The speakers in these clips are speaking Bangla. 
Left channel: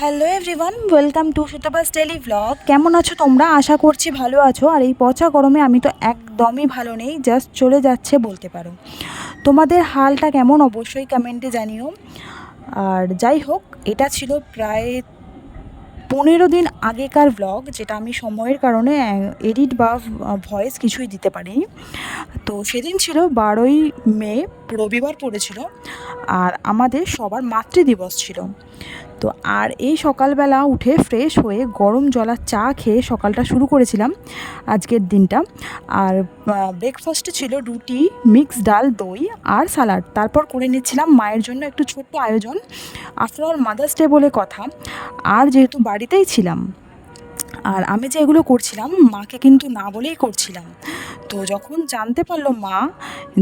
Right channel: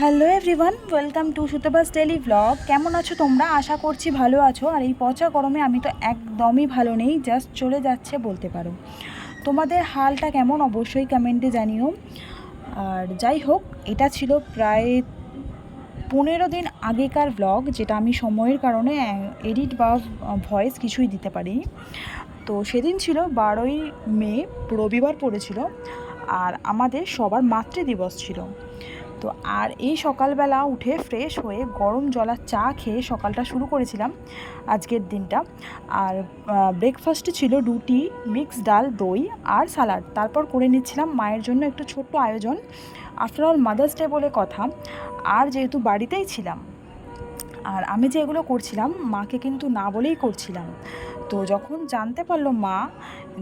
Hello everyone, welcome to Sutapa's daily blog. কেমন আছো তোমরা? আশা করছি ভালো আছো। আর এই পচা গরমে আমি তো একদমই ভালো নেই, জাস্ট চলে যাচ্ছে বলতে পারো। তোমাদের হালটা কেমন অবশ্যই কমেন্টে জানিও। আর যাই হোক, এটা ছিল প্রায় 15 দিন আগেকার ব্লগ, যেটা আমি সময়ের কারণে এডিট বা ভয়েস কিছুই দিতে পারিনি। তো সেদিন ছিল 12ই মে, রবিবার পড়েছিল, আর আমাদের সবার মাতৃদিবস ছিল। তো আর এই সকালবেলা উঠে ফ্রেশ হয়ে গরম জলা চা খেয়ে সকালটা শুরু করেছিলাম আজকের দিনটা। আর ব্রেকফাস্টে ছিল রুটি, মিক্স ডাল, দই আর স্যালাড। তারপর করে নিচ্ছিলাম মায়ের জন্য একটু ছোট্ট আয়োজন, আফটার অল মাদার্স ডে বলে কথা। আর যেহেতু বাড়িতেই ছিলাম, আর আমি যে এগুলো করছিলাম মাকে কিন্তু না বলেই করছিলাম। তো যখন জানতে পারলো মা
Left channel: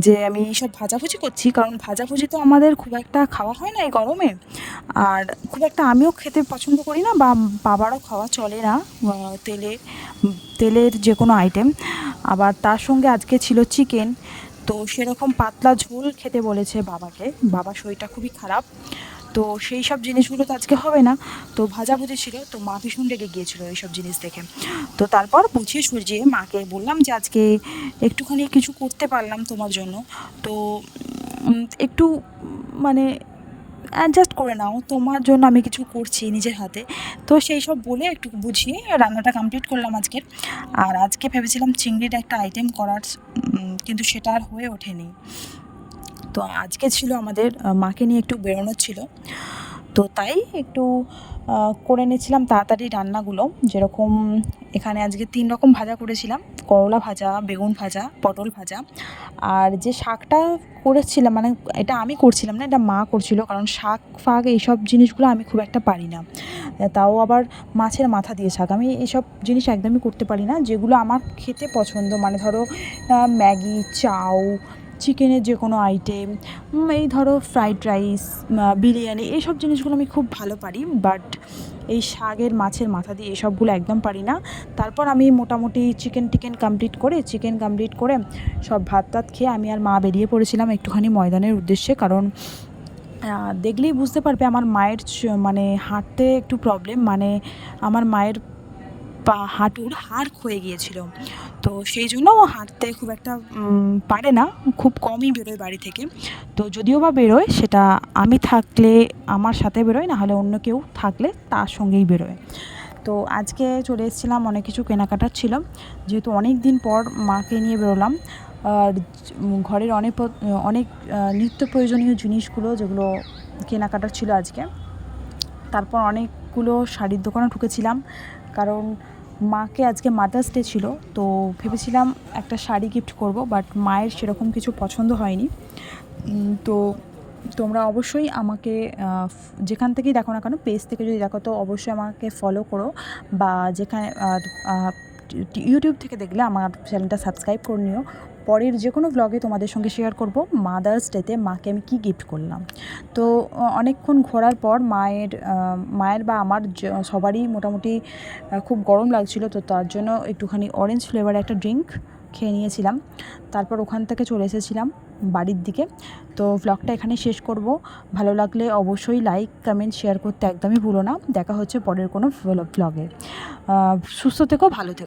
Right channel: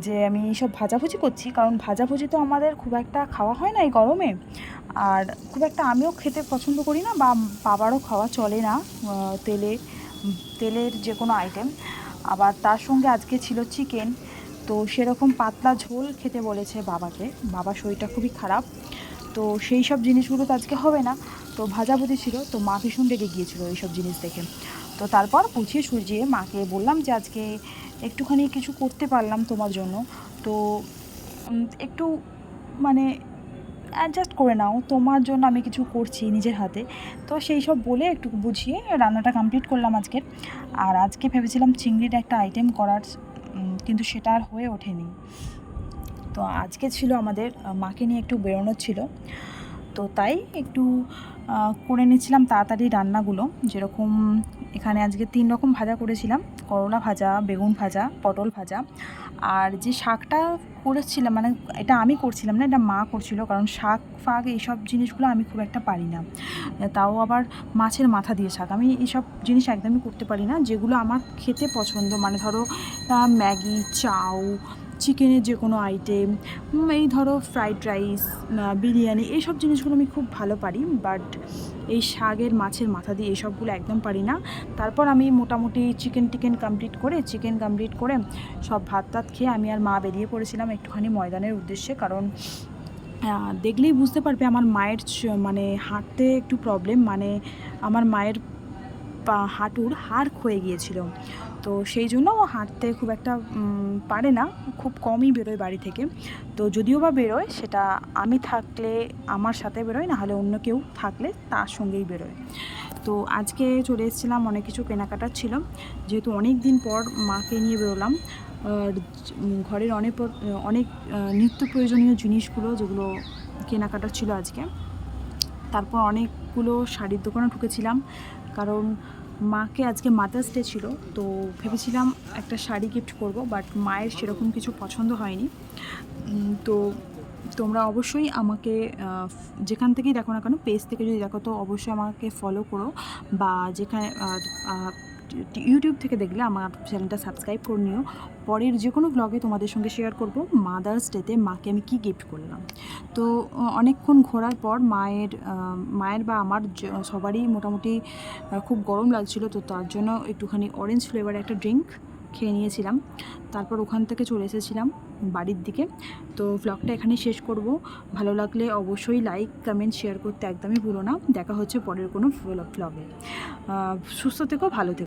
যে আমি সব ভাজাভুজি করছি, কারণ ভাজাভুজি তো আমাদের খুব একটা খাওয়া হয় না এই গরমে, আর খুব একটা আমিও খেতে পছন্দ করি না, বা বাবারও খাওয়া চলে না তেলের যে কোনো আইটেম। আবার তার সঙ্গে আজকে ছিল চিকেন, তো সেরকম পাতলা ঝোল খেতে বলেছে বাবাকে। বাবার শরীরটা খুবই খারাপ, তো সেই সব জিনিসগুলো তো আজকে হবে না। তো ভাজাভুজি ছিল, তো মা ভীষণ রেগে গিয়েছিলো এইসব জিনিস দেখে। তো তারপর বুঝিয়ে সুঝিয়ে মাকে বললাম যে আজকে একটুখানি কিছু করতে পারলাম তোমার জন্য, তো একটু মানে অ্যাডজাস্ট করে নাও, তোমার জন্য আমি কিছু করছি নিজের হাতে। তো সেই সব বলে একটু বুঝিয়ে রান্নাটা কমপ্লিট করলাম আজকের। আর আজকে ভেবেছিলাম চিংড়ির একটা আইটেম করার, কিন্তু সেটা আর হয়ে ওঠেনি। তো আজকে ছিল আমাদের মাকে নিয়ে একটু বেরোনোর ছিল, তো তাই একটু করে নিচ্ছিলাম তাড়াতাড়ি রান্নাগুলো। যেরকম এখানে আজকে 3 রকম ভাজা করেছিলাম: করলা ভাজা, বেগুন ভাজা, পটল ভাজা। আর যে শাকটা করেছিলাম, মানে এটা আমি করছিলাম না, এটা মা করছিল, কারণ শাক ফাক এইসব জিনিসগুলো আমি খুব একটা পারি না। তাও আবার মাছের মাথা দিয়ে শাক, আমি এইসব জিনিস একদমই করতে পারি না। যেগুলো আমার খেতে পছন্দ, মানে ধরো ম্যাগি, চাউ, চিকেনের যে কোনো আইটেম, এই ধরো ফ্রাইড রাইস, বিরিয়ানি, এইসব জিনিসগুলো আমি খুব ভালো পারি। বাট এই শাকের মাছের মাথা দিয়ে এসবগুলো একদম পারি না। তারপর আমি মোটামুটি চিকেন কমপ্লিট করে সব ভাত টাত খেয়ে আমি আর মা বেরিয়ে পড়েছিলাম একটুখানি ময়দানের উদ্দেশ্যে। কারণ দেখলেই বুঝতে পারবে আমার মায়ের মানে হাঁটতে একটু প্রবলেম, মানে আমার মায়ের হাঁটুর হাড় ক্ষয়ে গিয়েছিল। তো সেই জন্য ও হাঁটতে খুব একটা পারে না, খুব কমই বেরোয় বাড়ি থেকে। তো যদিও বা বেরোয়, সেটা আমি থাকলে আমার সাথে বেরোয়, না হলে অন্য কেউ থাকলে তার সঙ্গেই বেরোয়। তো আজকে চলে এসেছিলাম, অনেক কিছু কেনাকাটার ছিল, যেহেতু অনেক দিন পর মাকে নিয়ে বেরোলাম। আর ঘরের অনেক নিত্য প্রয়োজনীয় জিনিসগুলো যেগুলো কেনাকাটার ছিল আজকে। তারপর অনেকগুলো শাড়ির দোকানে ঢুকেছিলাম, কারণ মাকে আজকে মাদার্স ডে ছিল, তো ভেবেছিলাম একটা শাড়ি গিফট করব, বাট মায়ের সেরকম কিছু পছন্দ হয়নি। তো তোমরা অবশ্যই আমাকে যেখান থেকেই দেখো না কেন, পেজ থেকে যদি দেখো তো অবশ্যই আমাকে ফলো করো, বা যেখানে ইউটিউব থেকে দেখলে আমার চ্যানেলটা সাবস্ক্রাইব করে নিও। পরের যে কোনো ব্লগে তোমাদের সঙ্গে শেয়ার করব মাদার্স ডেতে মাকে আমি কী গিফট করলাম। তো অনেকক্ষণ ঘোরার পর মায়ের বা আমার সবারই মোটামুটি খুব গরম লাগছিল, তো তার জন্য একটুখানি অরেঞ্জ ফ্লেভার একটা ড্রিঙ্ক খেয়ে নিয়েছিলাম। তারপর ওখান থেকে চলে এসেছিলাম বাড়ির দিকে। তো ব্লগটা এখানেই শেষ করব। ভালো লাগলে অবশ্যই লাইক, কমেন্ট, শেয়ার করতে একদমই ভুলো না। দেখা হচ্ছে পরের কোনো ব্লগে। সুস্থ থেকো, ভালো থেকো।